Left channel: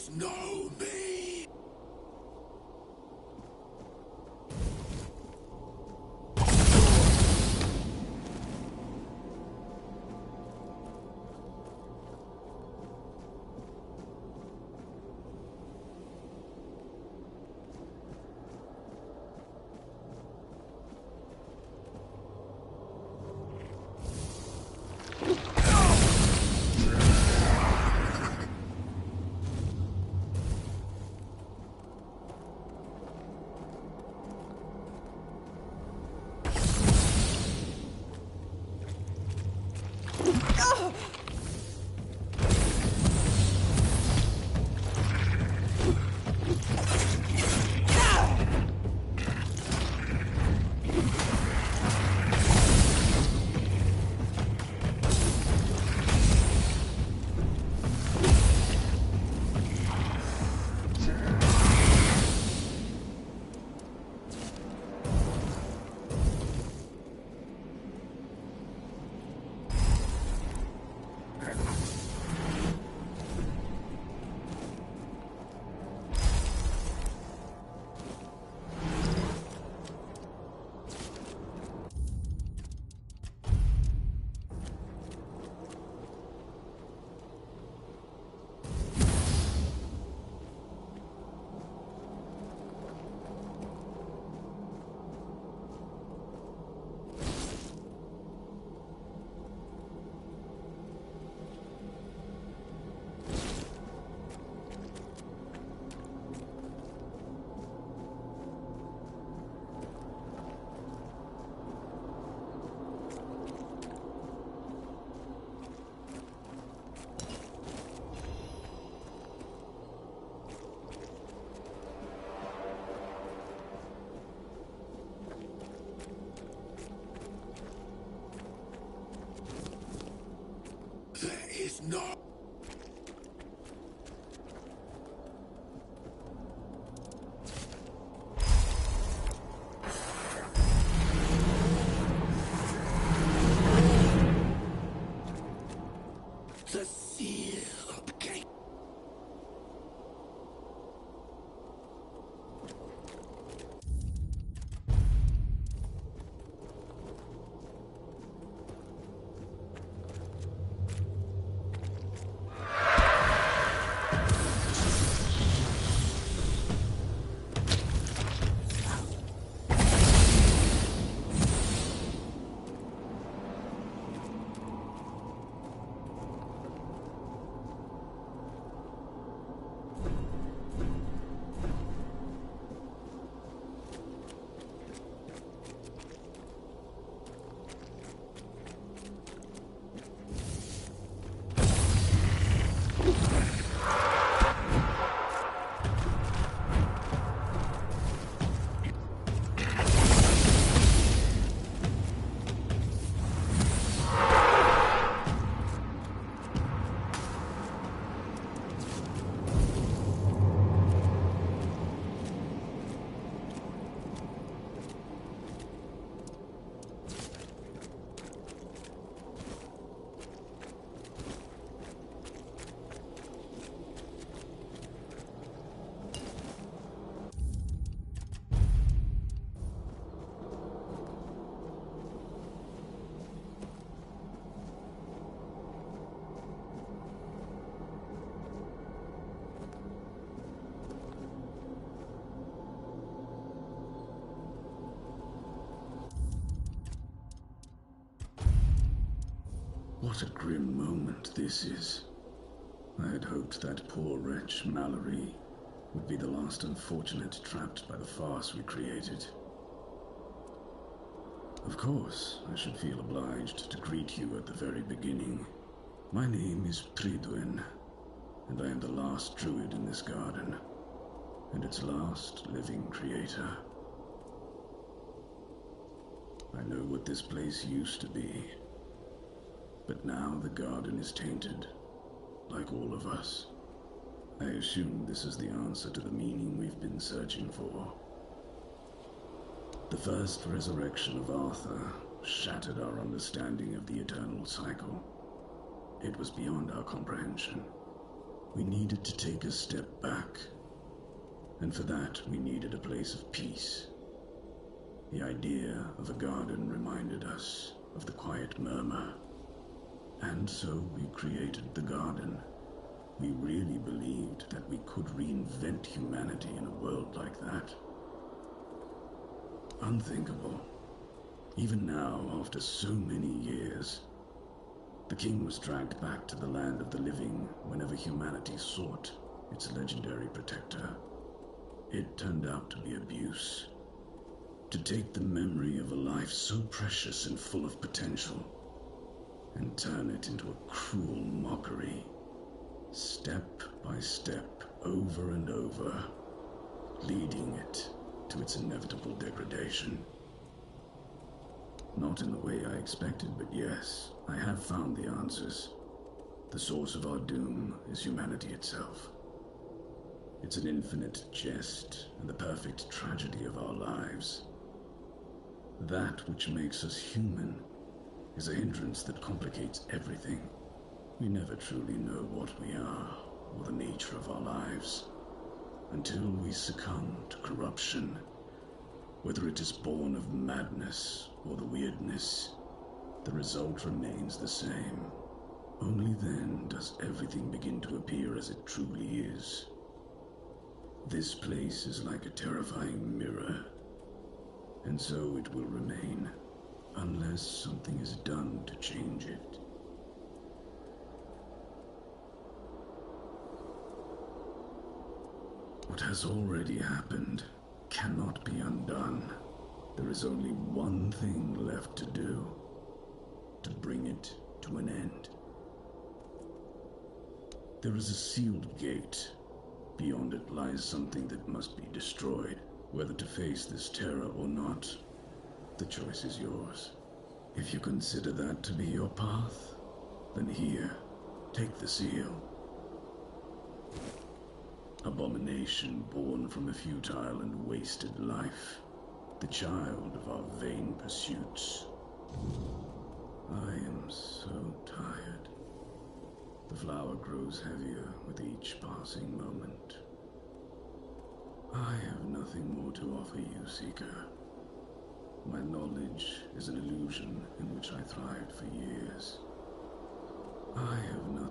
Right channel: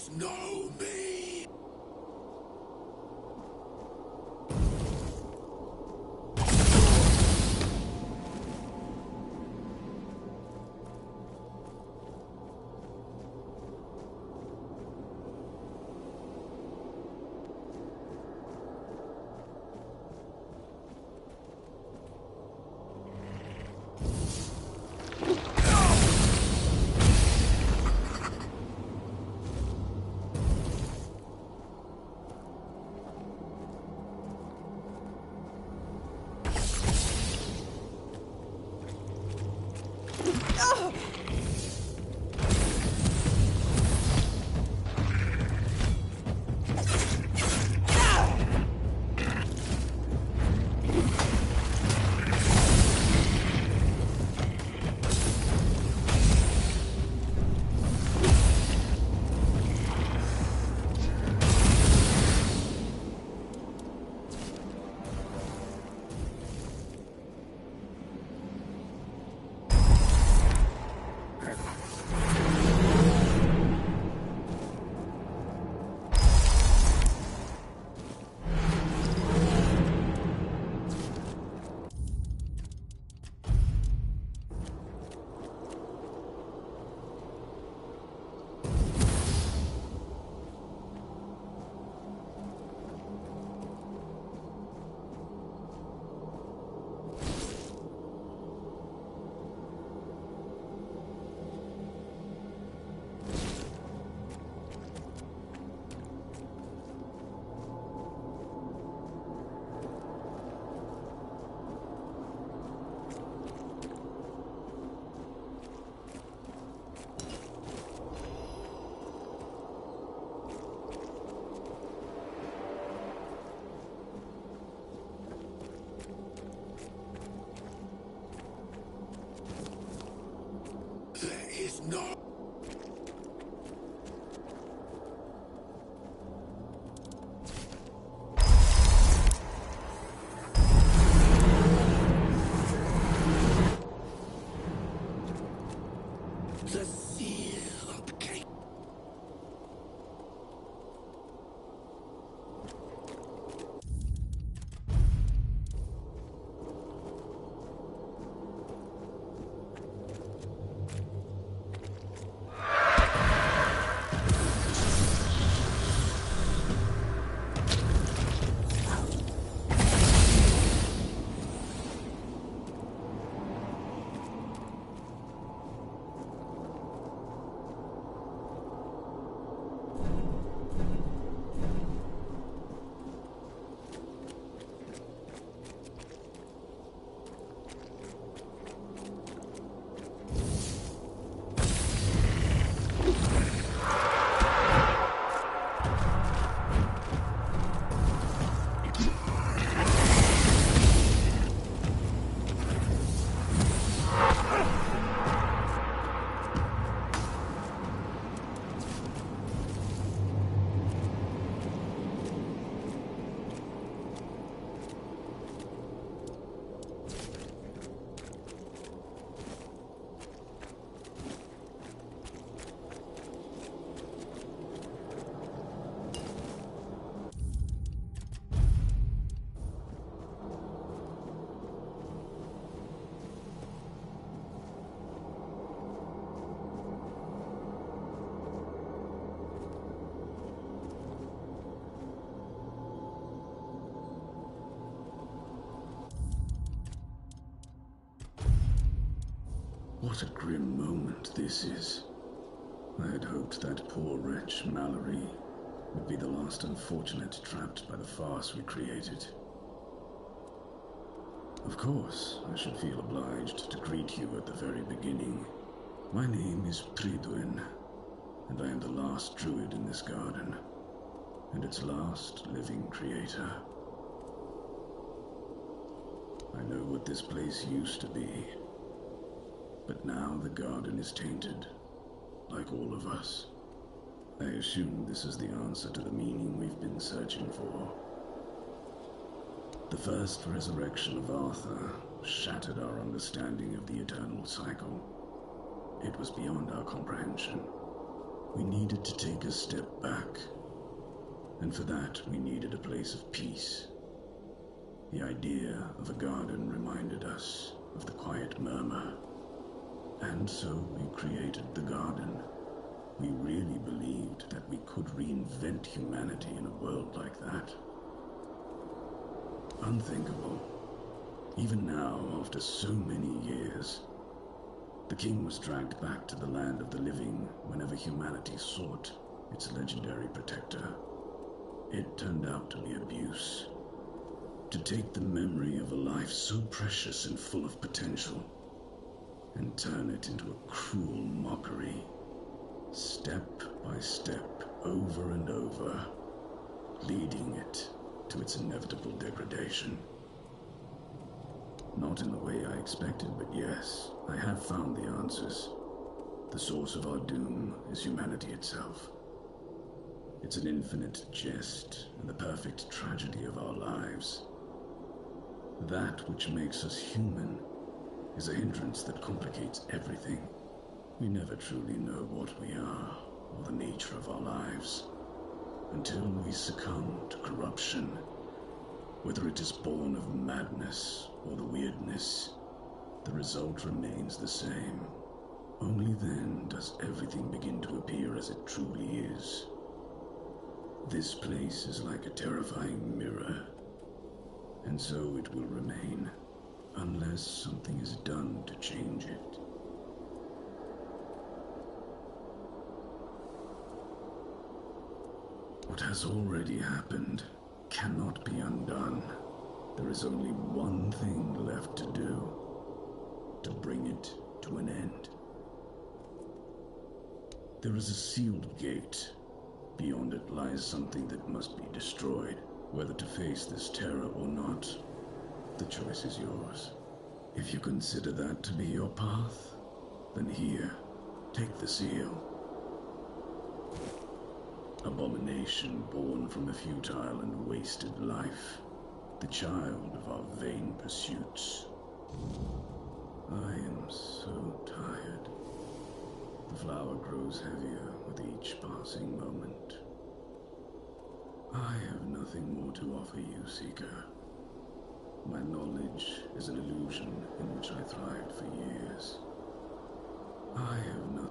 is no me. There is no... The seal of cake. What a grim moment this is. I had hoped that poor wretch, Mallory, would be the last unfortunate trapped by the farce we created. Of course, I should feel obliged to greet you at the very beginning. My name is Prydwen, and I am the last druid in this garden, and its last living creator. I know what this place used to be. But now the garden is tainted, like all of us. I assume this is the answer to the meaning we've been searching for. The first resurrection of Arthur shattered our understanding of the eternal cycle. It was beyond our comprehension. We needed to take a step back, and for that we needed a place of peace. The idea of a garden reminded us of the quiet murmur, and so we created the garden. We really believed that we could reinvent humanity in a world like that. Unthinkable. Even now, after so many years, the king was dragged back to the land of the living whenever humanity sought its legendary protector. It turned out to be abuse. To take the memory of a life so precious and full of potential and turn it into a cruel mockery, step by step, over and over, leading it to its inevitable degradation. Not in the way I expected, but yes, I have found the answers. The source of our doom is humanity itself. It's an infinite jest and the perfect tragedy of our lives. That which makes us human is a hindrance that complicates everything. We never truly know what we are or the nature of our lives until we succumb to corruption, whether it is born of madness or the weirdness. The result remains the same. Only then does everything begin to appear as it truly is. This place is like a terrifying mirror, and so it will remain, unless something is done to change it. What has already happened cannot be undone. There is only one thing left to do, to bring it to an end. There is a sealed gate. Beyond it lies something that must be destroyed. Whether to face this terror or not, the choice is yours. If you consider that to be your path, then here, take the seal. Abomination born from a futile and wasted life, the child of our vain pursuits. I am so tired. The flower grows heavier with each passing moment. I have nothing more to offer you, Seeker. My knowledge is an illusion in which I thrived for years. I have nothing.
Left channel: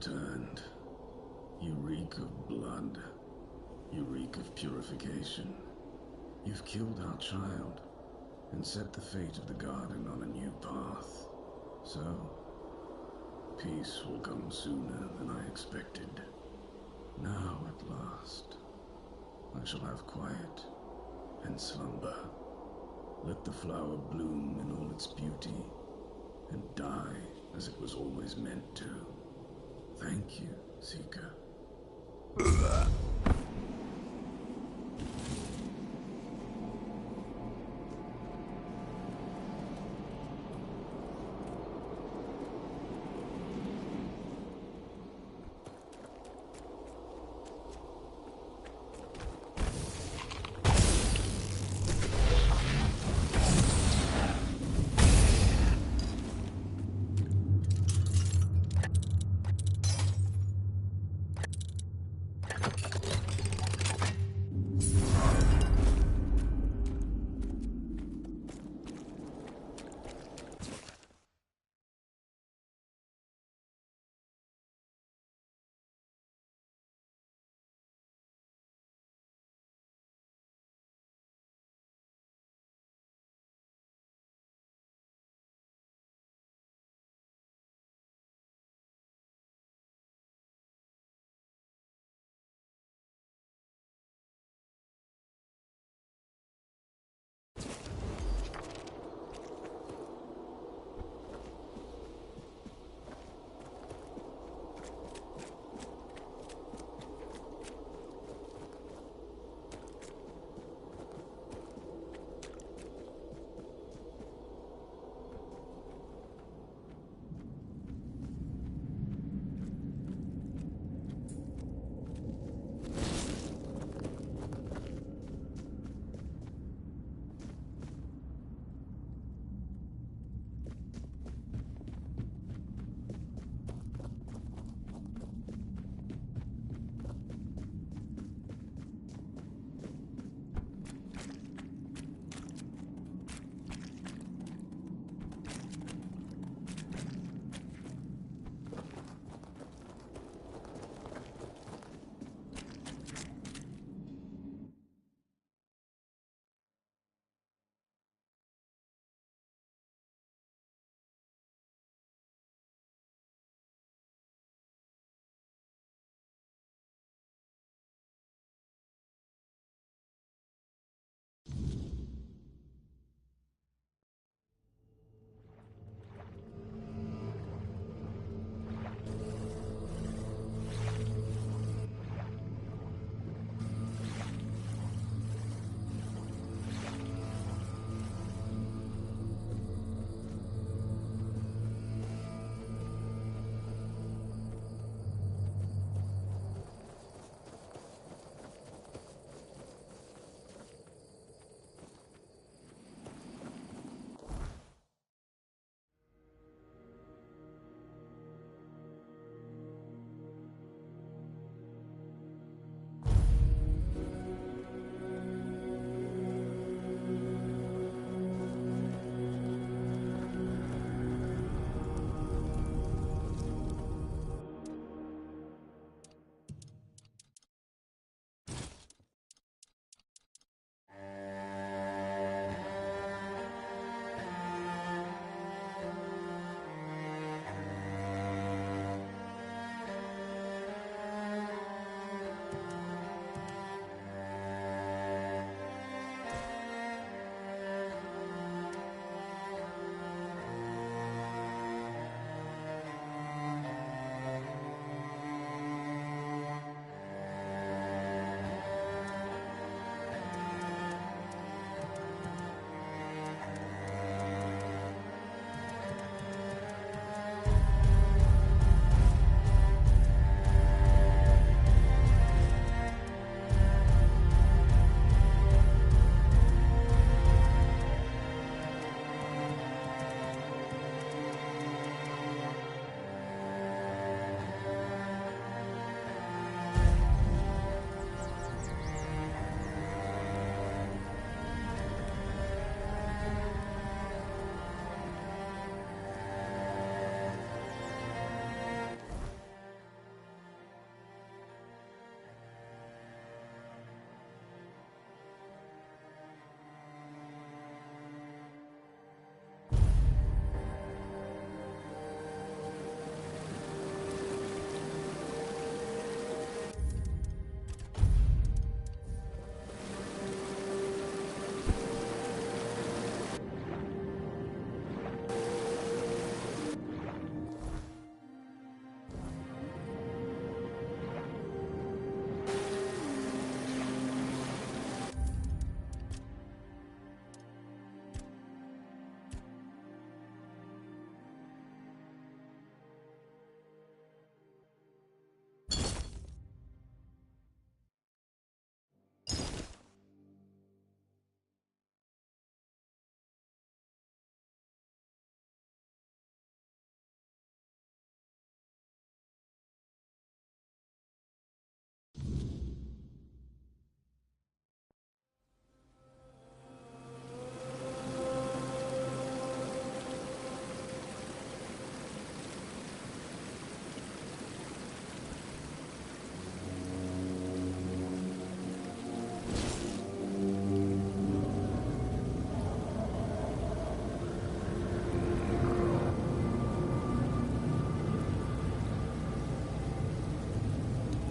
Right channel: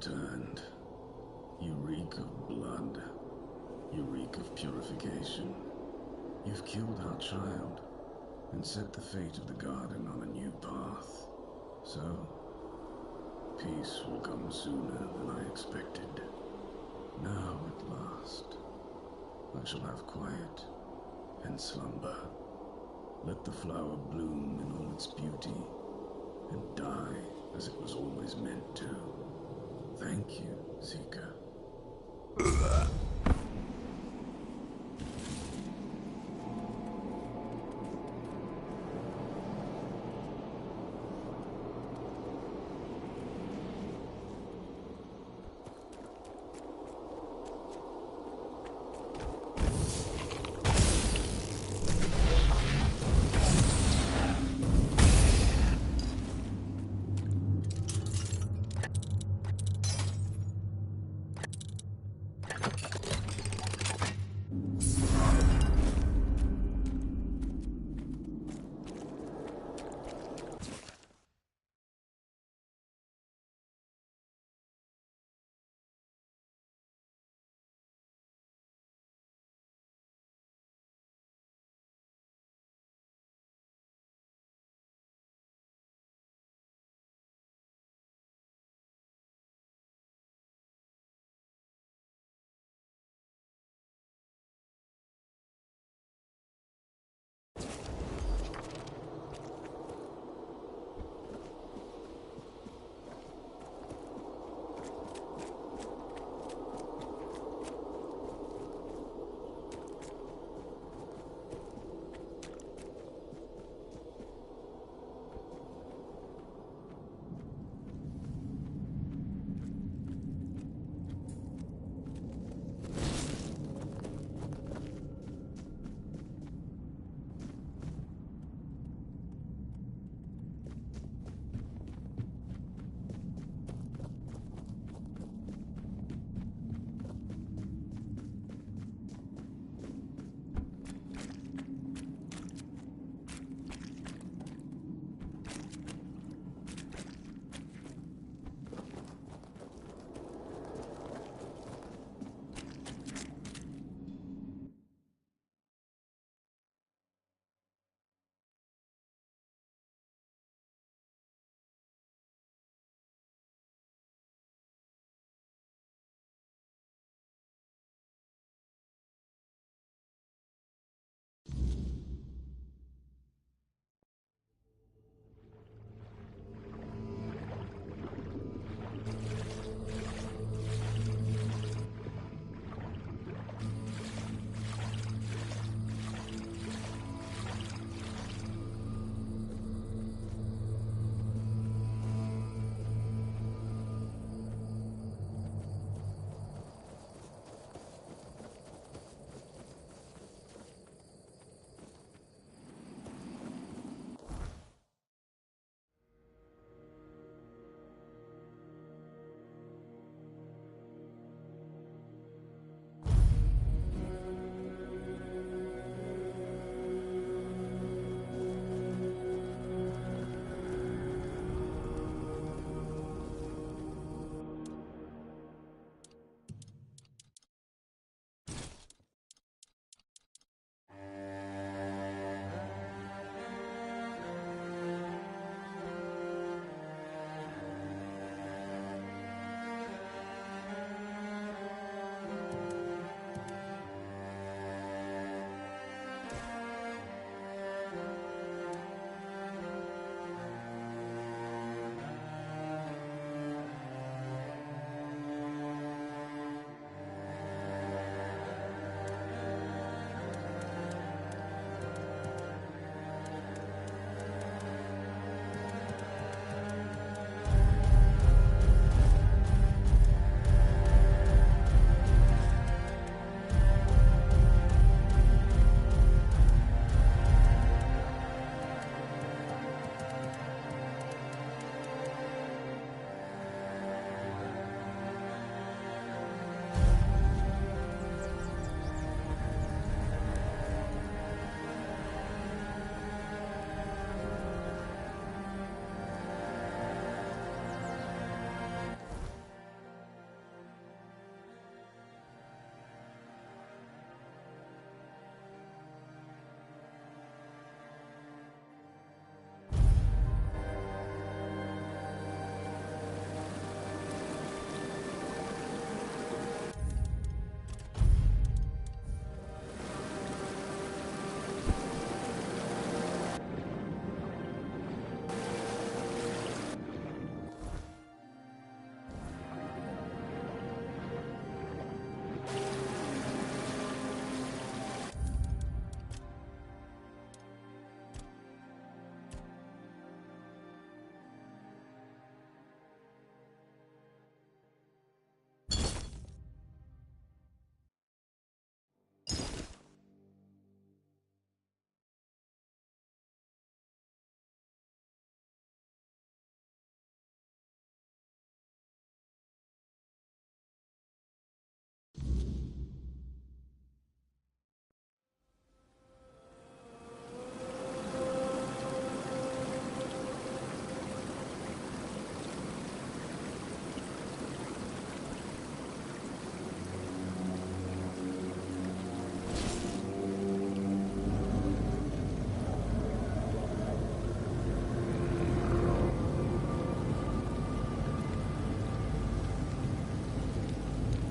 returned. You reek of blood. You reek of purification. You've killed our child and set the fate of the garden on a new path. So, peace will come sooner than I expected. Now, at last, I shall have quiet and slumber. Let the flower bloom in all its beauty and die as it was always meant to. Thank you, Seeker.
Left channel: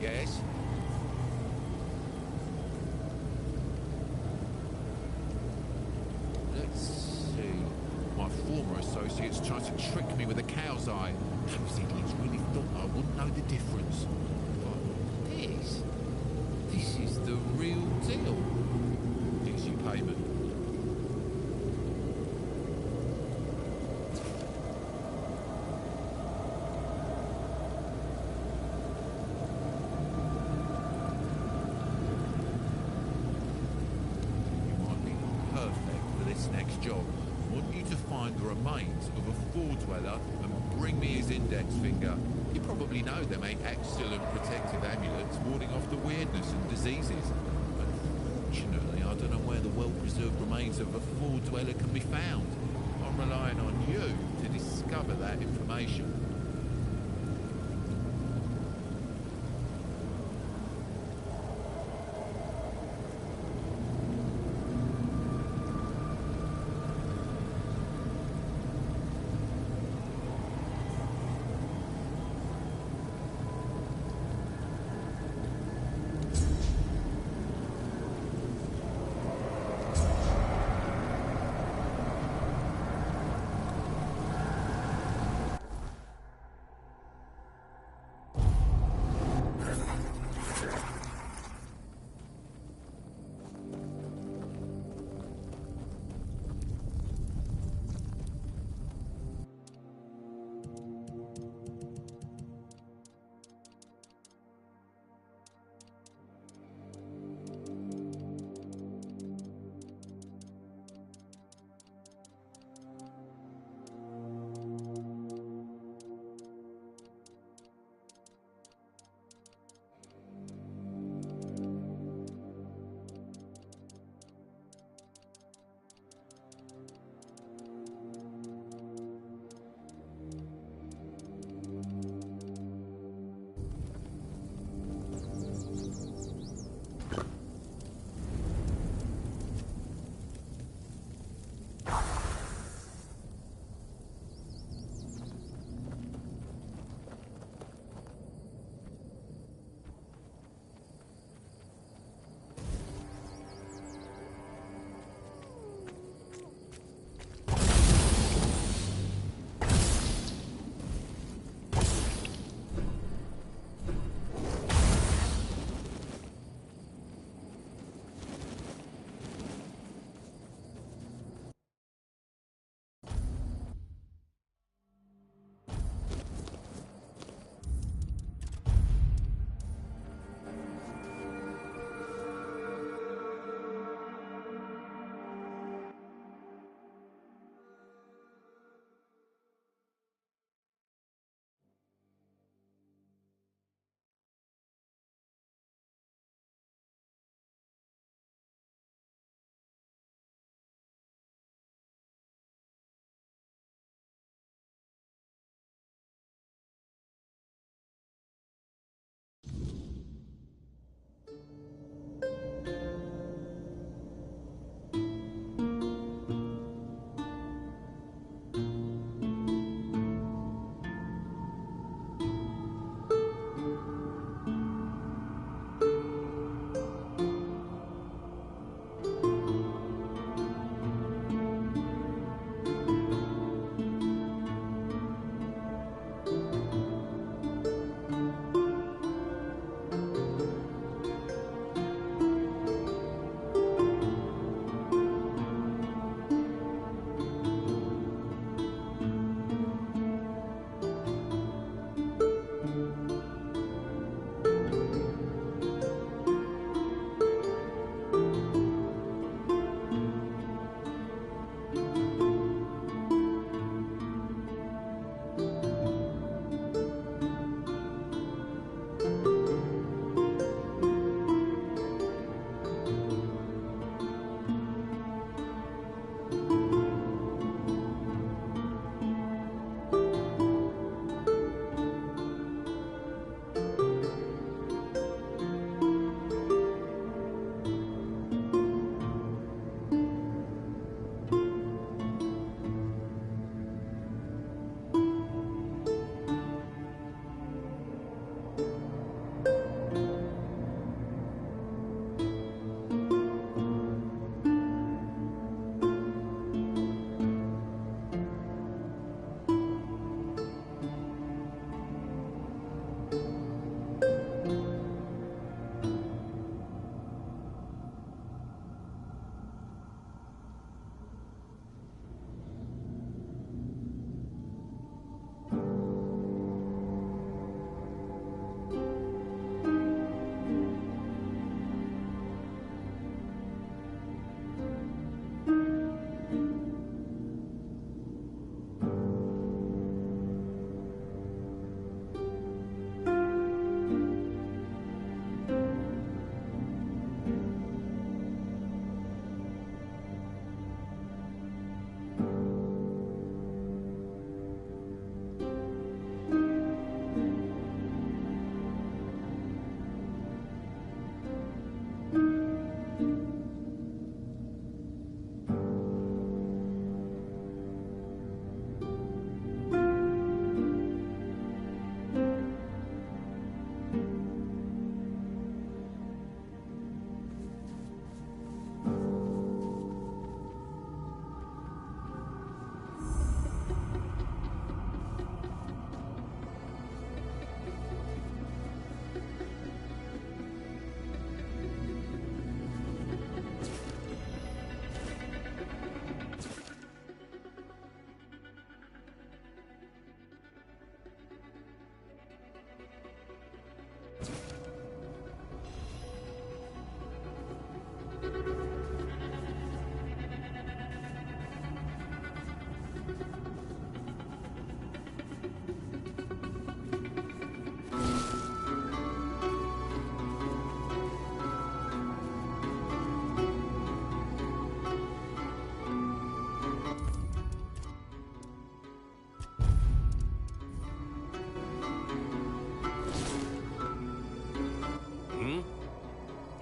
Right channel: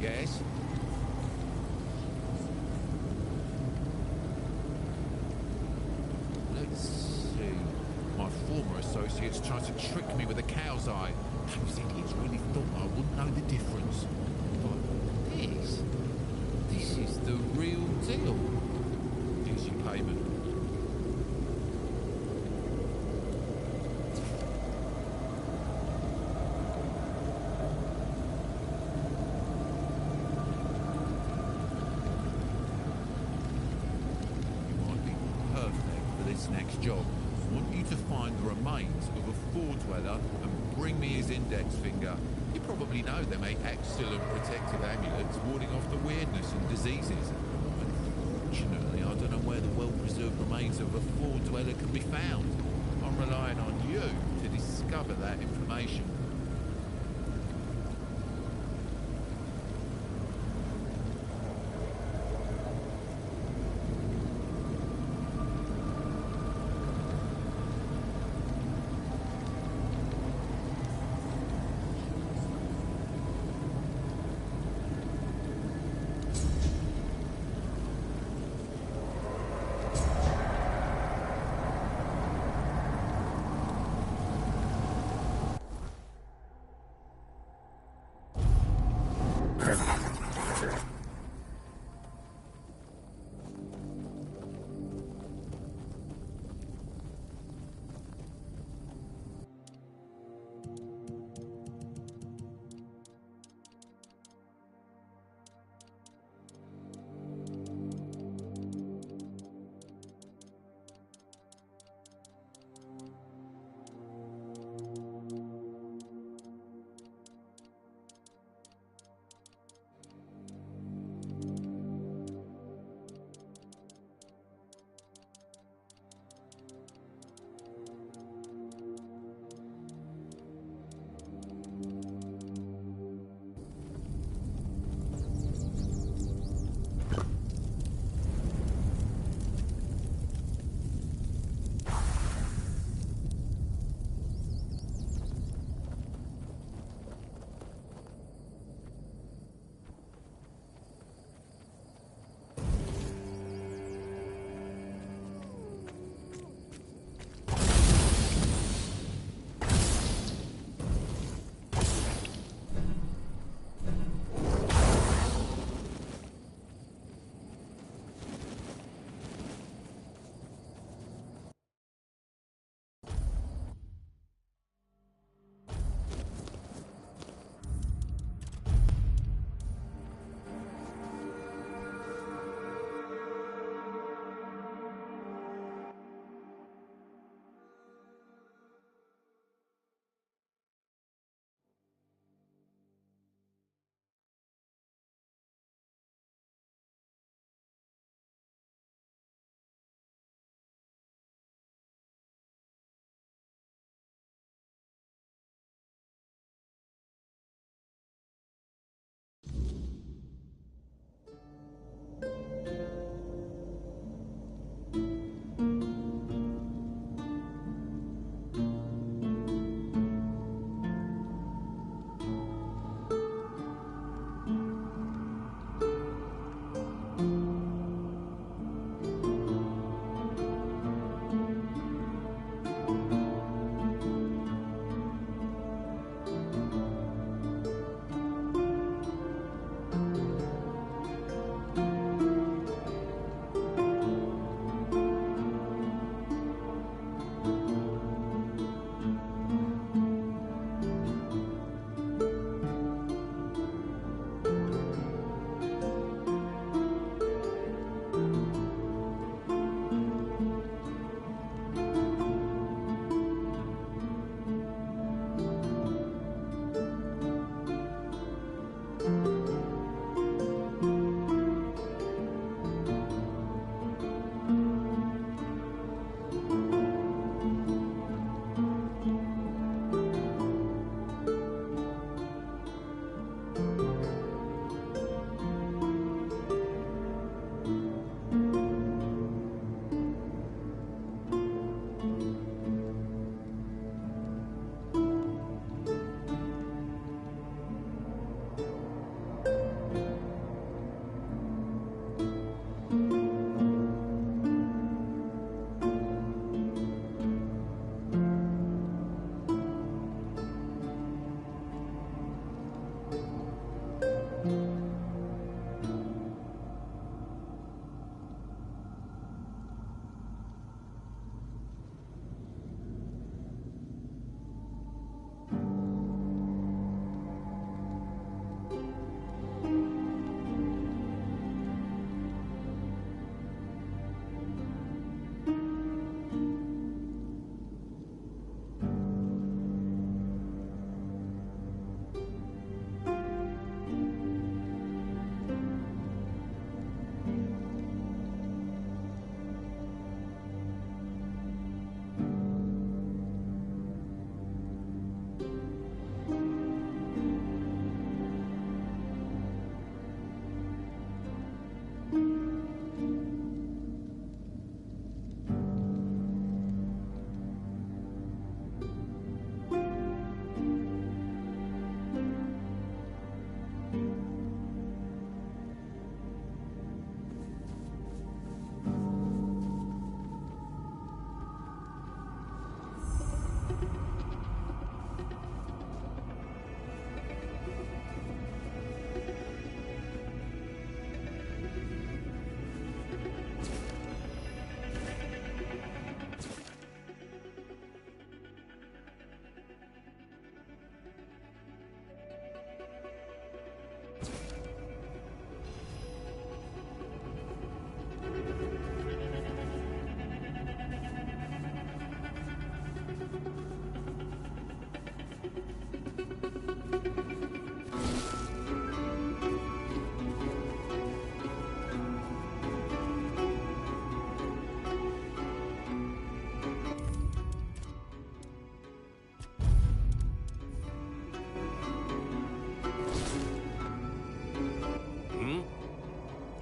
guess. Let's see. My former associates tried to trick me with a cow's eye. Those idiots really thought I wouldn't know the difference. But this is the real deal. Here's your payment. You might be perfect for this next job. I want you to find the remains of a Four Dweller and bring me his index finger. You probably know they make excellent protective amulets warding off the weirdness and diseases. Unfortunately, I don't know where the well-preserved remains of a Four Dweller can be found. I'm relying on you to discover that information.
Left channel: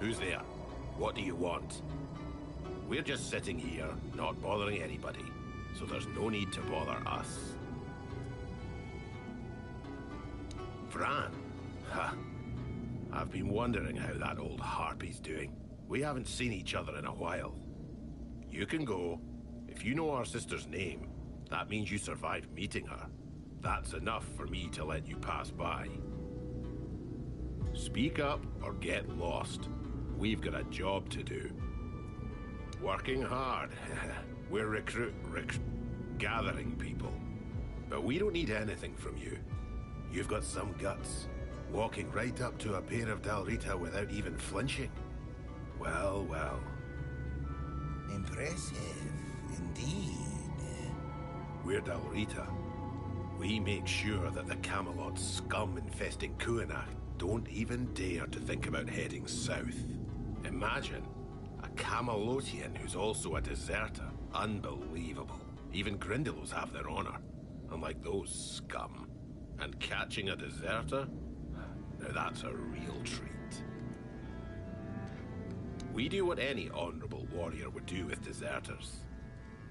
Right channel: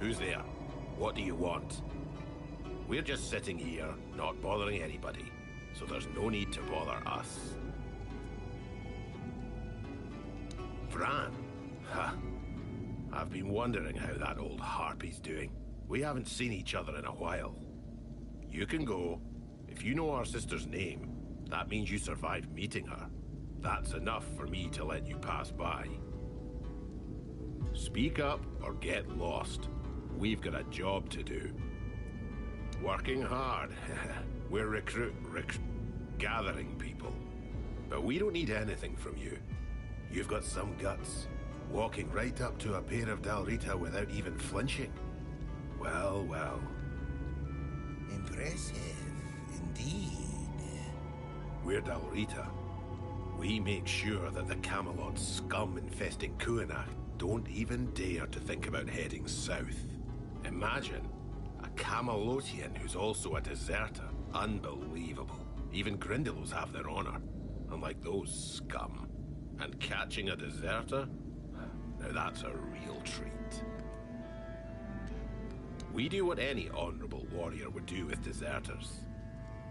Who's there? What do you want? We're just sitting here, not bothering anybody, so there's no need to bother us. Fran? Ha! I've been wondering how that old harpy's doing. We haven't seen each other in a while. You can go. If you know our sister's name, that means you survived meeting her. That's enough for me to let you pass by. Speak up or get lost. We've got a job to do. Working hard. We're gathering people. But we don't need anything from you. You've got some guts. Walking right up to a pair of Dalrita without even flinching. Well, well. Impressive, indeed. We're Dalrita. We make sure that the Camelot scum infesting Kuanach don't even dare to think about heading south. Imagine a Camelotian who's also a deserter. Unbelievable. Even Grindylows have their honor, unlike those scum. And catching a deserter? Now that's a real treat. We do what any honorable warrior would do with deserters.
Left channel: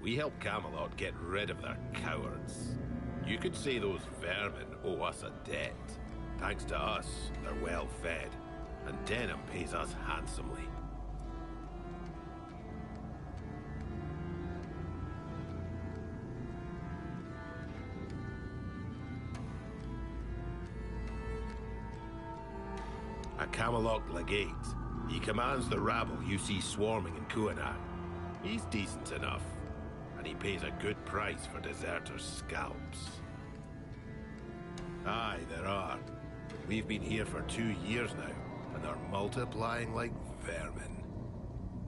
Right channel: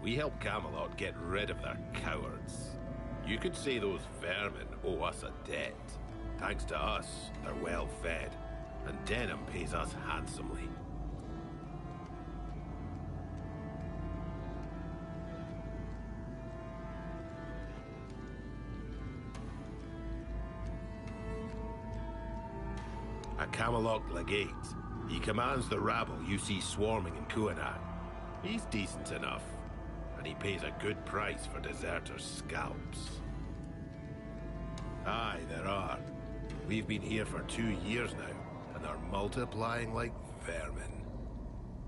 We help Camelot get rid of their cowards. You could say those vermin owe us a debt. Thanks to us, they're well fed, and Denham pays us handsomely. A Camelot legate. He commands the rabble you see swarming in Kuanach. He's decent enough, and he pays a good price for deserters' scalps. Aye, there are. We've been here for 2 years now, and are multiplying like vermin.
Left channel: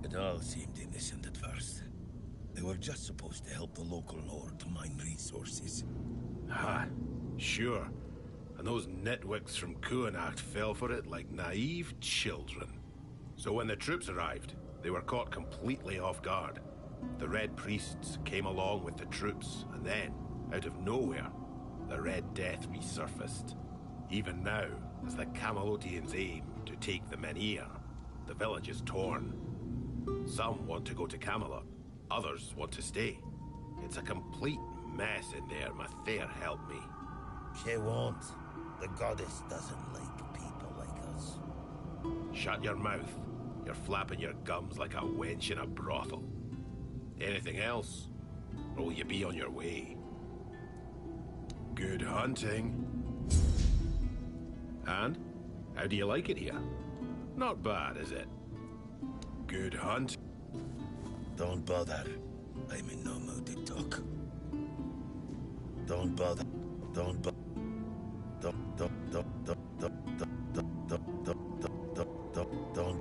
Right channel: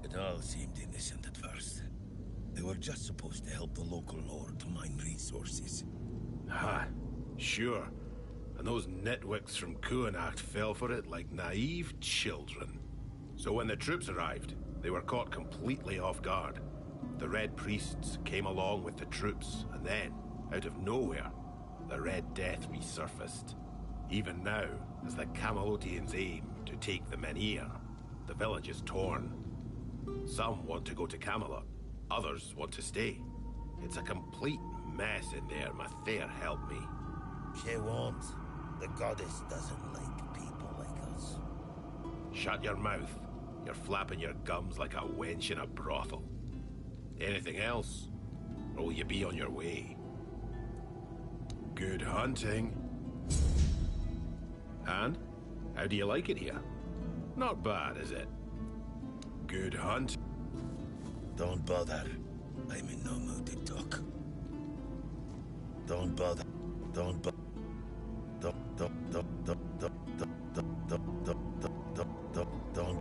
It all seemed innocent at first. They were just supposed to help the local lord to mine resources. Ha, sure. And those nitwicks from Kuanach fell for it like naive children. So when the troops arrived, they were caught completely off guard. The Red Priests came along with the troops, and then, out of nowhere, the Red Death resurfaced. Even now, as the Camelotians aim to take the Menhir, the village is torn. Some want to go to Camelot, others want to stay. It's a complete mess in there, Mathair help me. She won't. The goddess doesn't like people like us. Shut your mouth. You're flapping your gums like a wench in a brothel. Anything else? Or will you be on your way? Good hunting. And? How do you like it here? Not bad, is it? Good hunt. Don't bother. I'm in no mood to talk. Don't bother. Don't bother. Don't.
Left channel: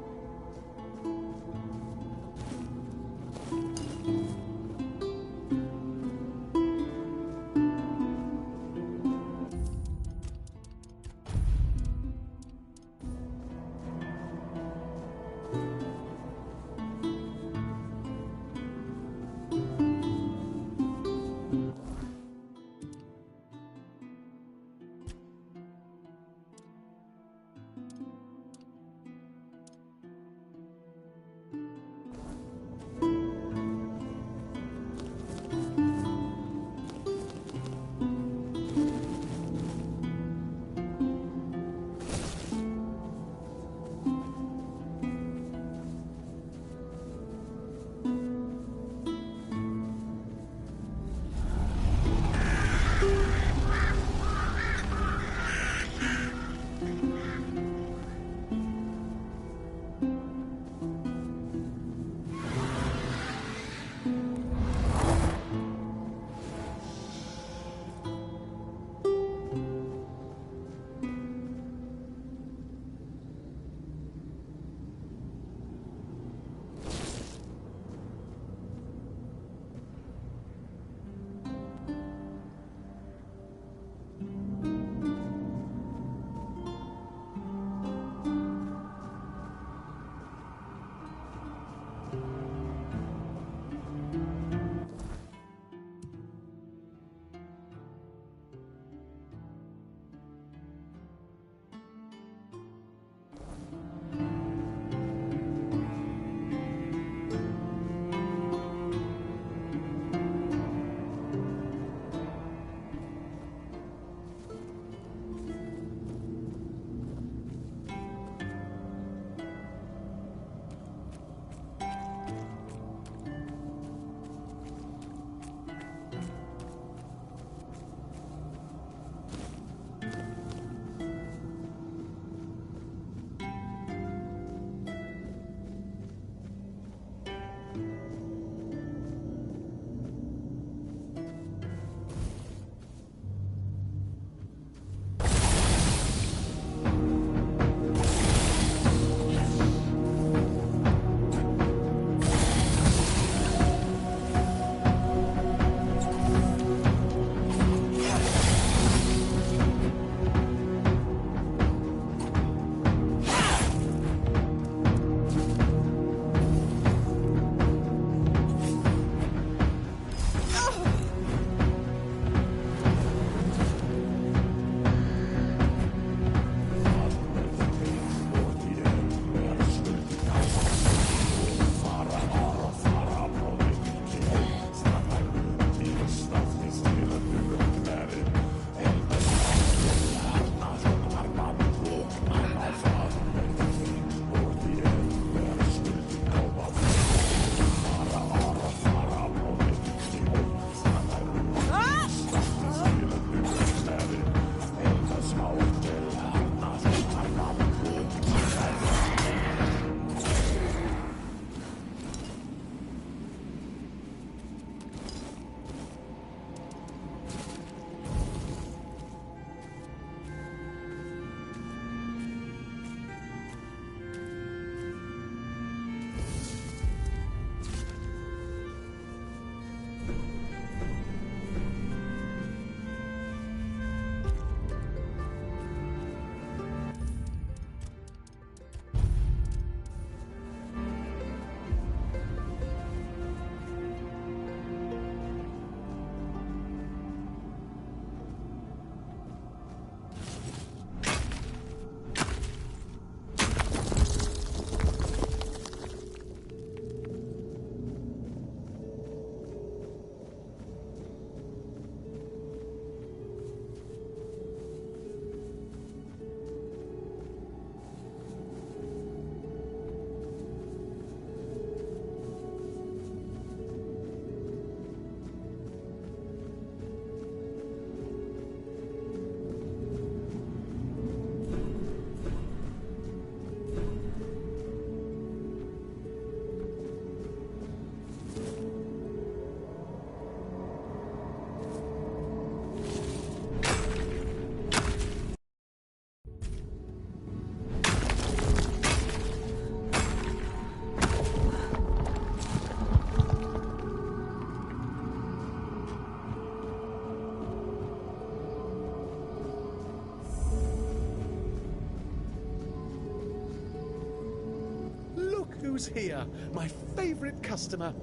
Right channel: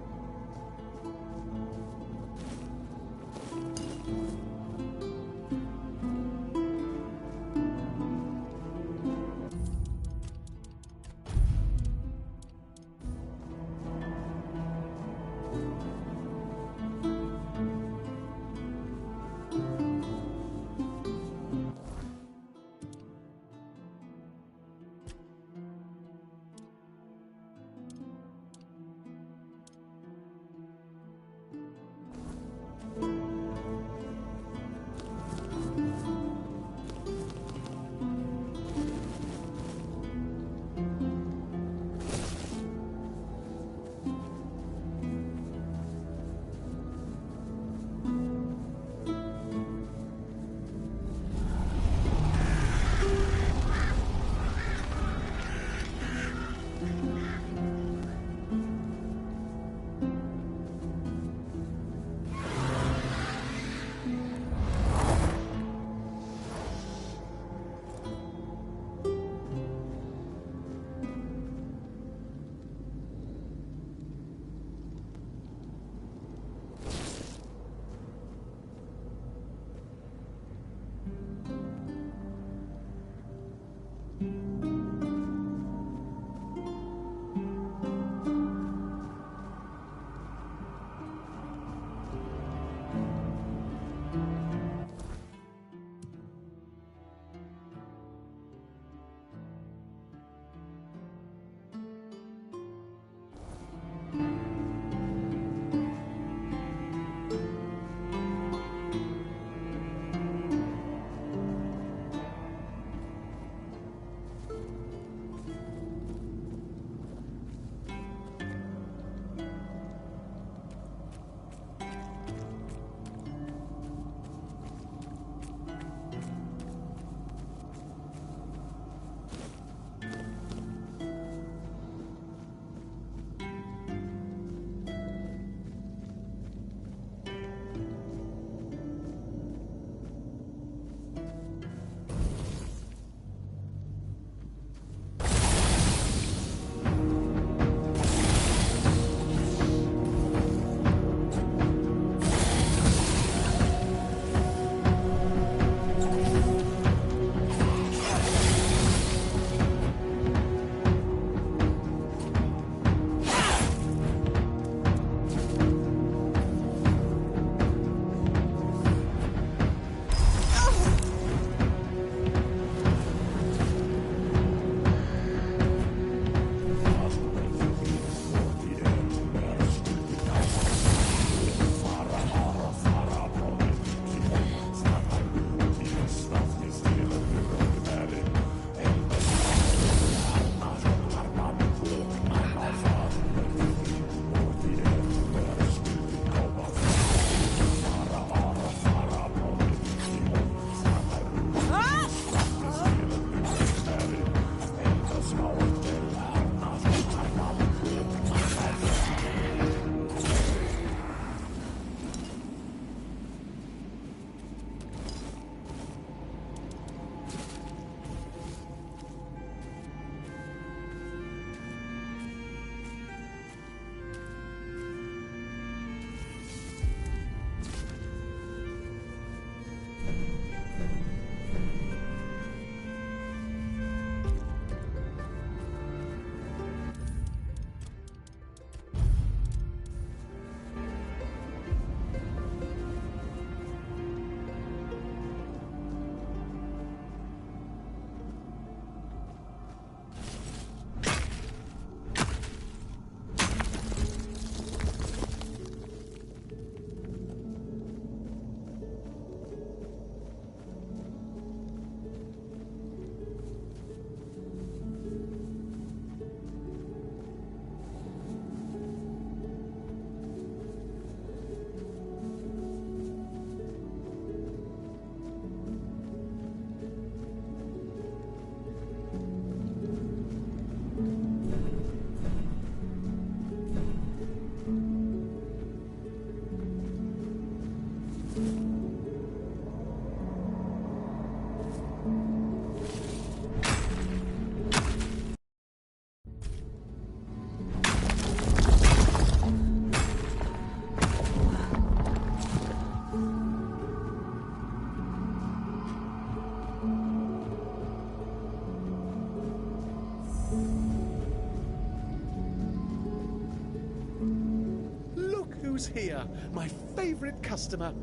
who's here? My favorite customer.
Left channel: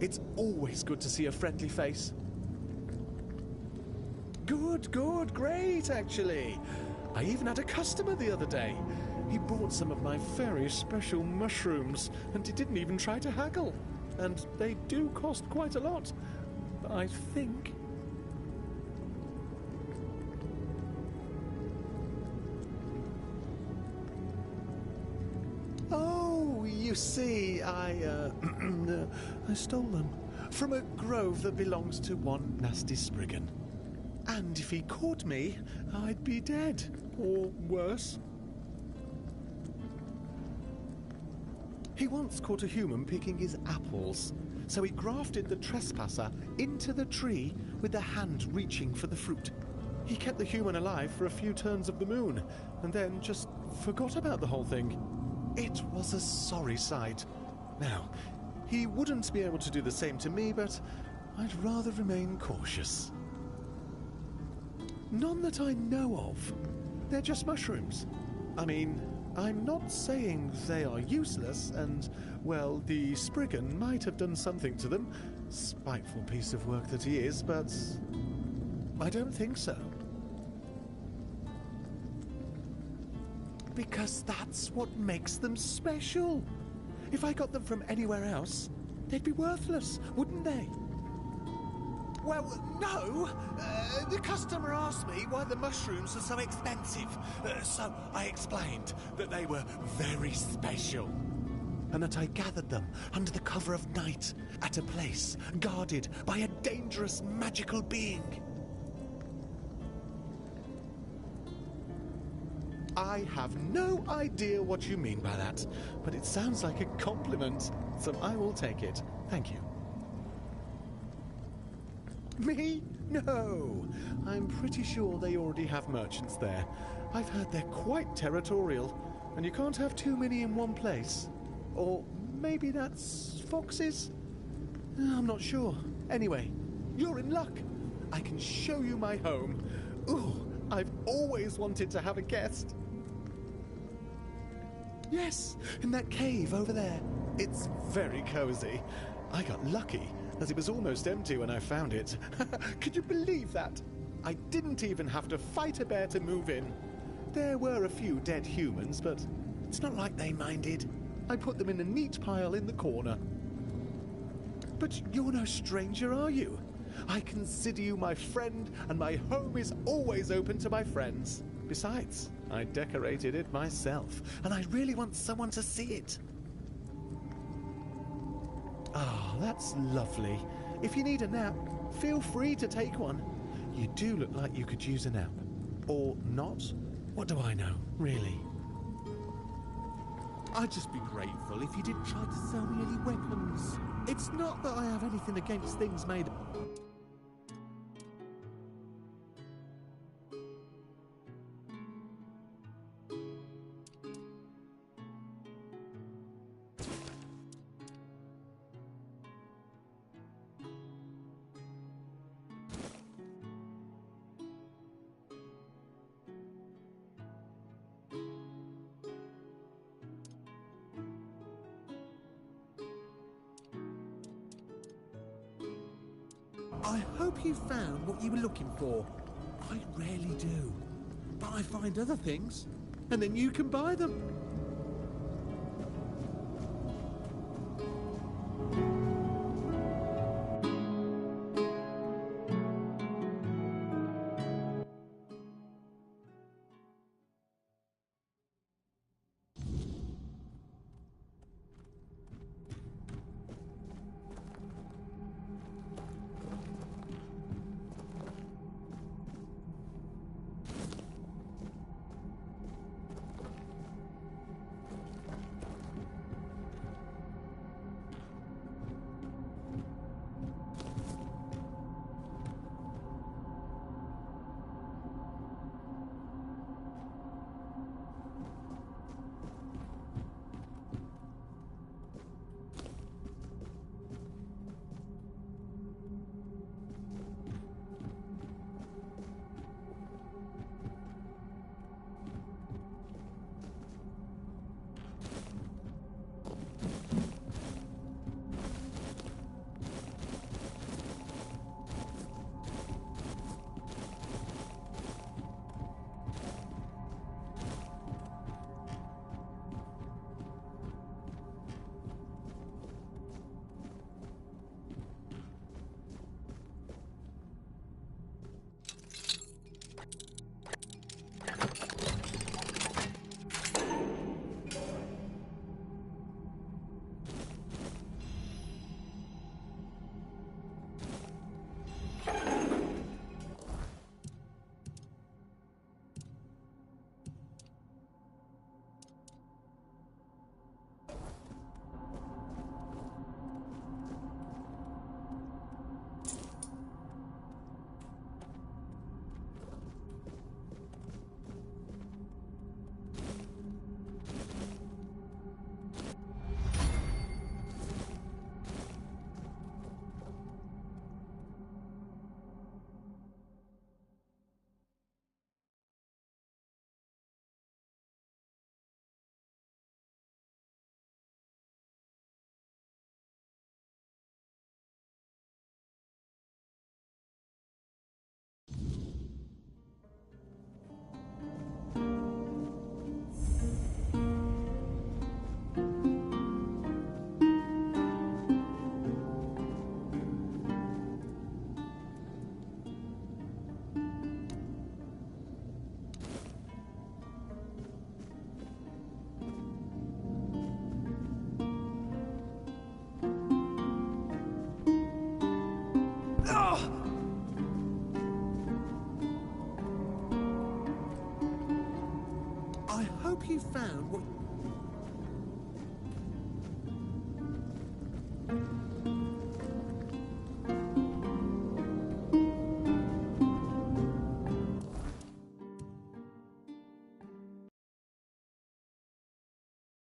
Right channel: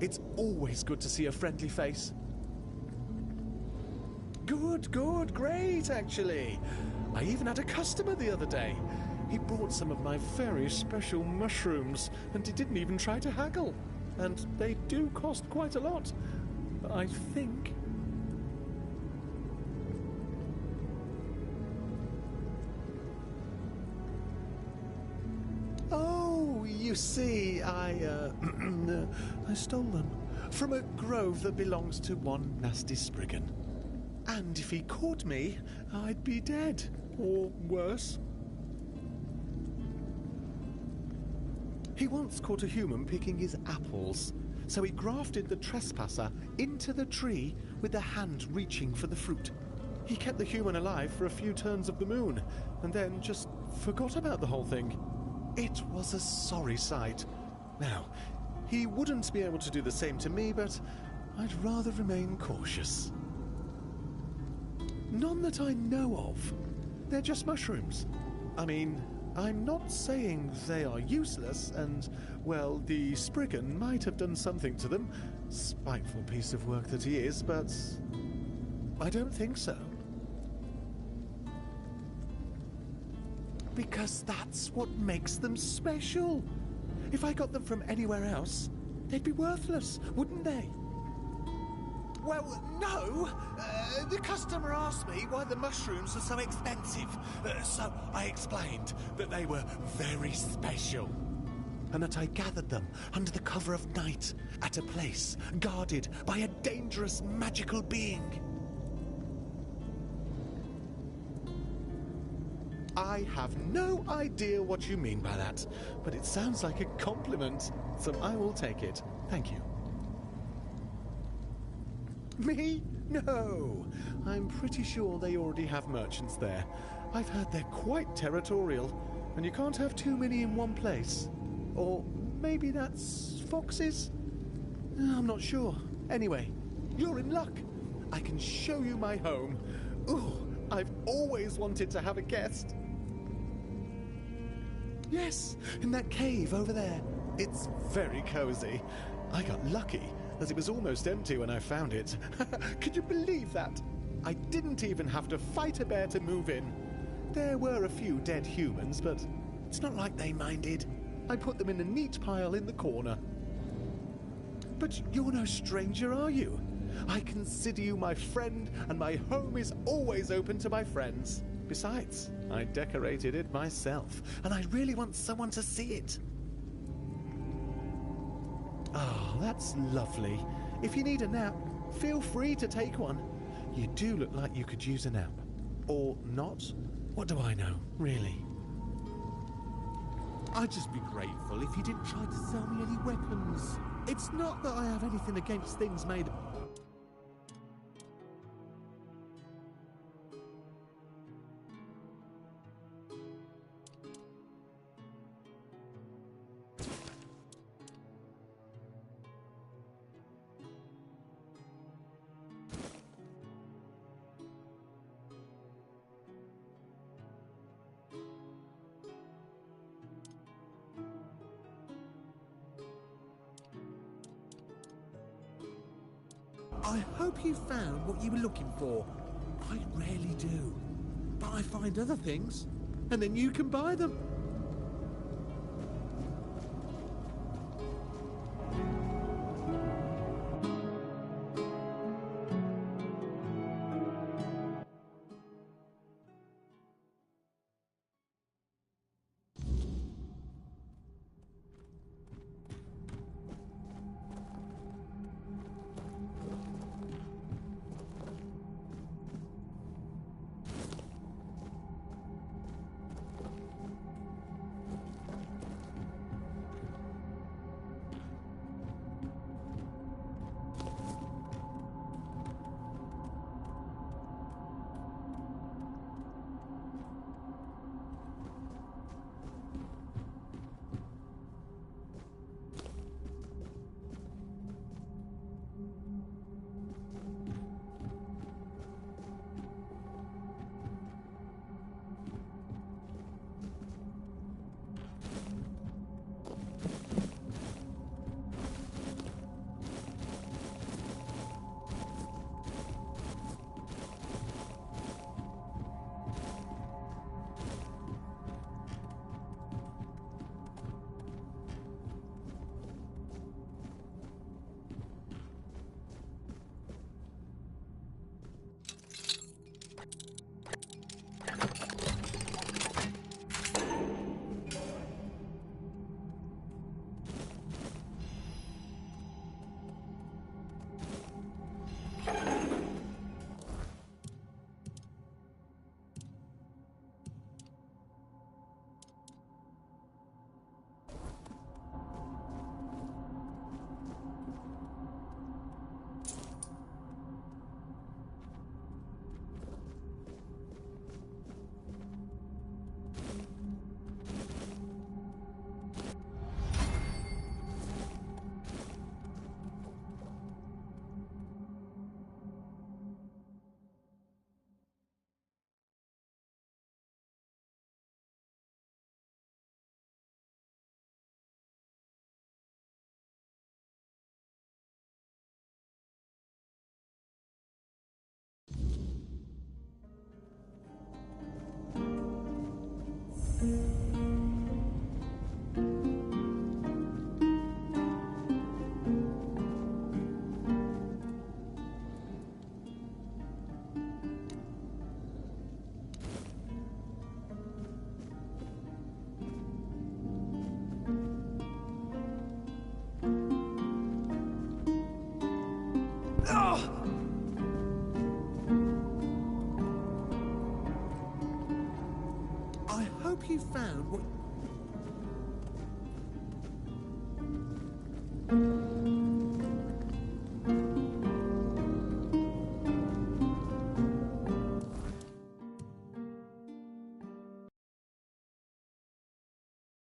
It's always good to see a friendly face. Good, great, actually. I even had a customer the other day. He brought some of my very special mushrooms, and he didn't even try to haggle. And they do cost quite a lot, I think. Oh, you see, I stole them from a grove that belongs to one nasty Spriggan. And if he caught me, I'd be dead, or worse. He once caught a human picking his apples, so he grafted the trespasser into the tree with the hand reaching for the fruit. He kept the human alive for a few turns of the moon, and then just forgot about the whole thing. It was a sorry sight. Now, he wouldn't be able to do the same to me, but I'd rather remain cautious. None that I know of. They're just mushrooms. I mean, I'm not saying they are useless, and, well, the Spriggan might have done something to them. Spiteful piece of work that he is, but I don't think so. Because that's what makes them special. If I got them from anywhere else, they'd be worthless, wouldn't they? Well, no. The customer asked me why the mushrooms are so expensive. So I explained that they were very special. And that I gathered them under the cover of night at a place guarded by a dangerous magical being. I have no idea what you mean by that, but it sounds like a compliment, so I will take it. Thank you. Me? No. I'm pretty sure they already have merchants there. I've heard they're quite territorial, and you can't have too many in one place. Or maybe that's foxes? I'm not sure. Anyway, you're in luck. I can show you my home. Ooh, I've always wanted to have a guest. Yes, in that cave over there. It's very cozy. I got lucky, as it was almost empty when I found it. Could you believe that? I didn't even have to fight a bear to move in. There were a few dead humans, but it's not like they minded. I put them in a neat pile in the corner. But you're no stranger, are you? I consider you my friend, and my home is always open to my friends. Besides, I decorated it myself, and I really want someone to see it. Oh, that's lovely. If you need a nap, feel free to take one. You do look like you could use a nap. Or not? What do I know, really? I'd just be grateful if you didn't try to sell me any weapons. It's not that I have anything against things made... I hope you found what you were looking for. I rarely do. But I find other things, and then you can buy them.